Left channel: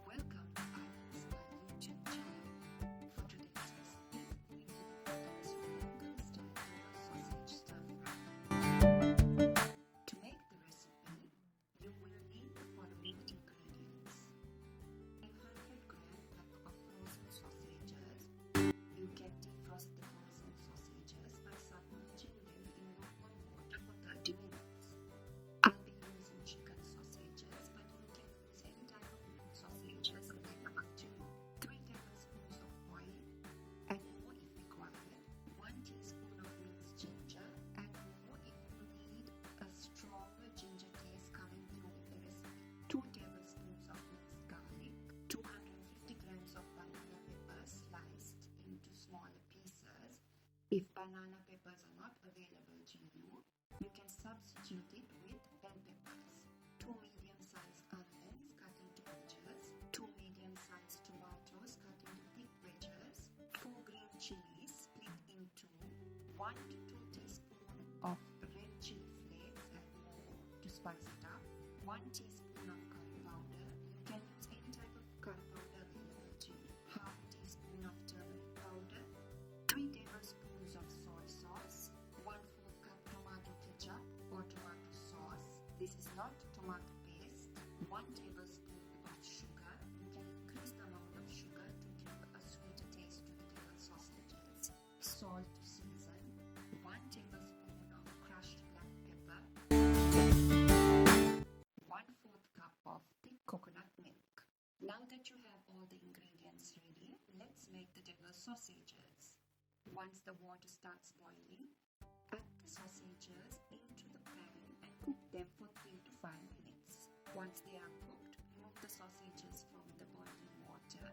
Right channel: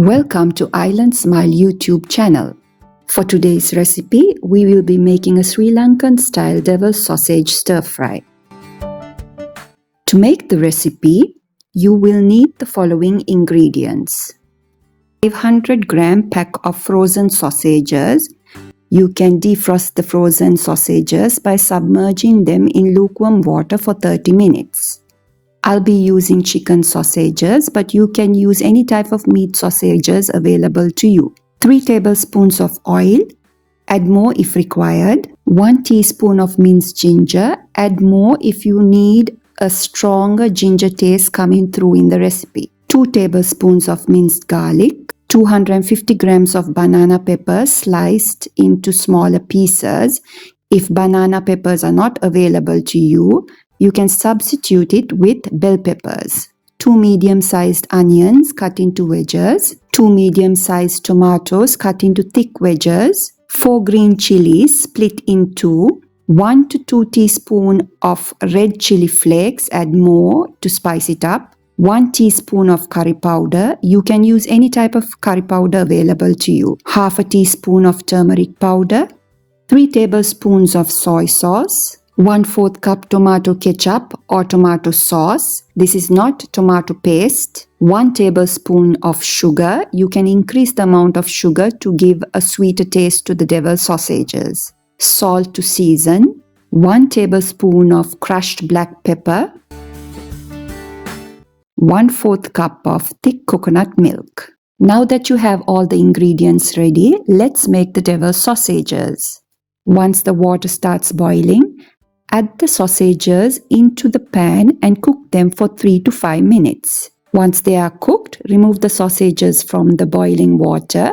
Welcome to Island Smile YouTube channel. For today's recipe, we will be making a Sri Lankan-style devil's sausage stir-fry. To make the recipe, you will need the following ingredients. 500-gram pack of frozen sausages. You can defrost the frozen sausages by submerging them in lukewarm water for 30 minutes. I'll be using chicken sausages, but you can use any type of meat sausages available to you. 3 tablespoons of oil, add more if required. 1 teaspoon of minced ginger, add more if you need a stronger ginger taste coming through in the recipe. 2 tablespoons of minced garlic, 250 grams of banana peppers sliced into smaller pieces. If banana peppers are not available to you, you can substitute it with bell peppers. 2 medium-sized onions cut into wedges. 2 medium-sized tomatoes cut into thick wedges. 4 green chilies split in 2. 1 to 2 teaspoons of red chili flakes, add more to spice it up. 1 teaspoon of curry powder. You can use any type of curry powder available to you. Half a teaspoon of turmeric powder. 3 tablespoons of soy sauce. 1/4 cup tomato ketchup or tomato sauce. This is not tomato paste. 1 tablespoon of sugar. You can increase the amount of sugar to give a sweeter taste to the devil's sausages. Salt to season. 1 tablespoon of crushed black pepper. 1/4 cup of thick coconut milk. Now that you have all the ingredients ready, let's make the devil's sausages. Once the water starts boiling, add the sausages into the pan and cook them for 3 to 5 minutes. Once they are cooked, remove the sausages from the boiling water,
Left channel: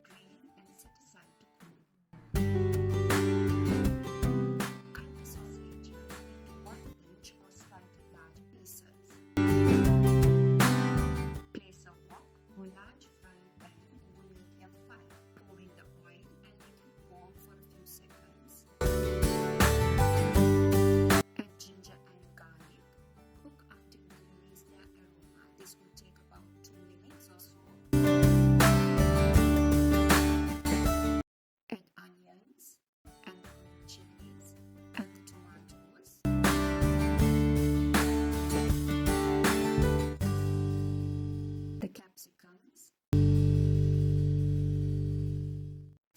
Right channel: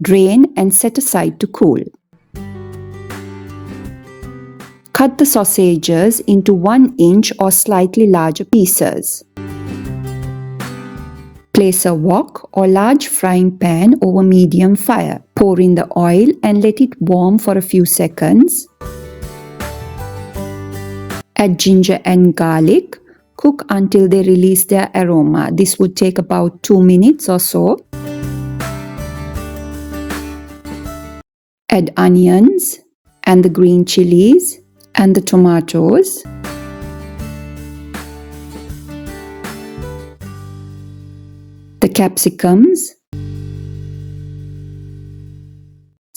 drain and set aside to cool. Cut the sausages into 1 inch or slightly larger pieces. Place a wok or large frying pan over medium fire. Pour in the oil and let it warm for a few seconds. Add ginger and garlic. Cook until they release their aroma. This would take about 2 minutes or so. Add onions and the green chilies and the tomatoes. The capsicums.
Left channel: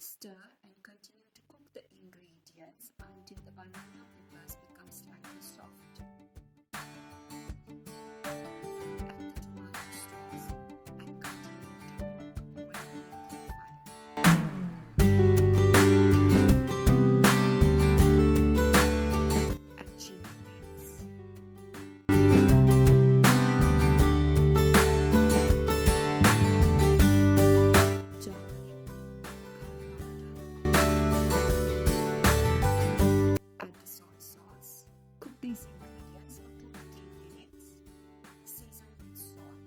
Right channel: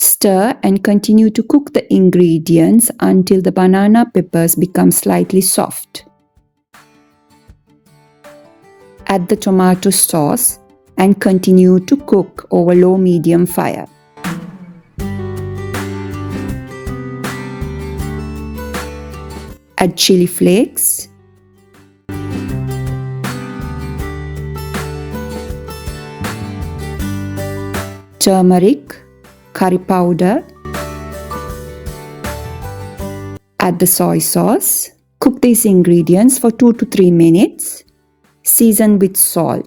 Stir and continue to cook the ingredients until the banana peppers become slightly soft. Add the tomato sauce and continue to cook over low-medium fire. Add chili flakes. Turmeric, curry powder. Add the soy sauce. Cook these ingredients for 2 to 3 minutes. Season with salt.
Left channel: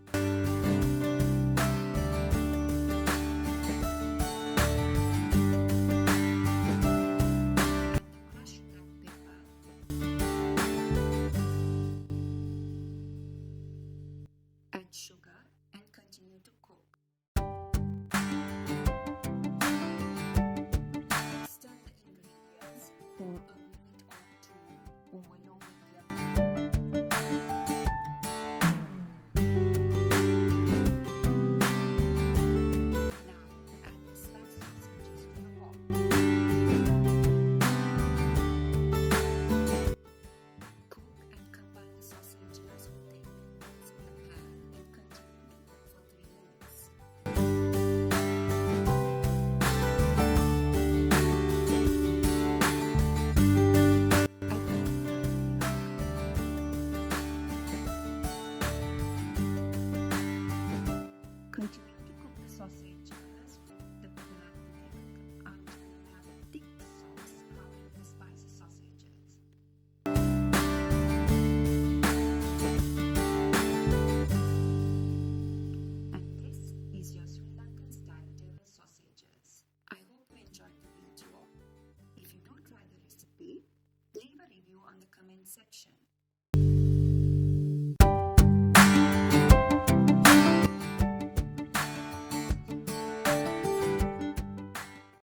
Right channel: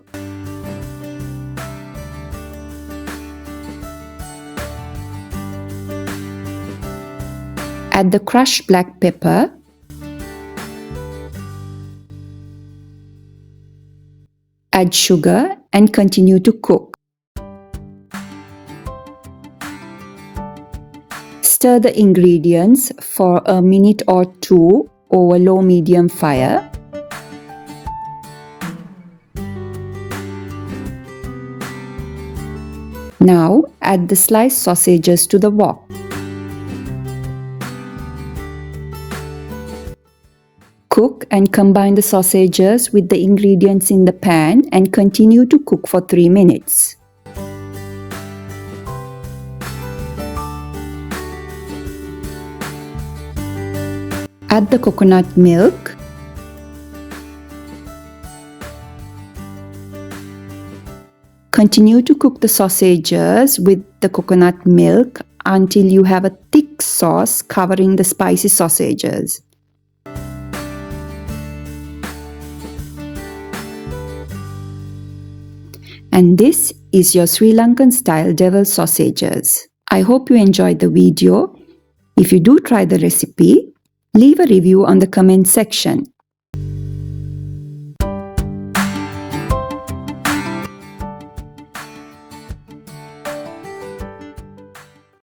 Add the crushed black pepper. Add sugar and continue to cook. Stir the ingredients for a minute or 2 over low-medium fire. Now add the sliced sausages to the wok. Cook and combine the sausages with the ingredients in the pan and continue to cook for 3 minutes. Add the coconut milk. Continue to cook the sausages with the coconut milk until you have a thick sauce covering the spicy sausages. And this is your Sri Lankan-style devil's sausages. I hope you enjoyed the video. If you do try the recipe, leave a review on the comment section.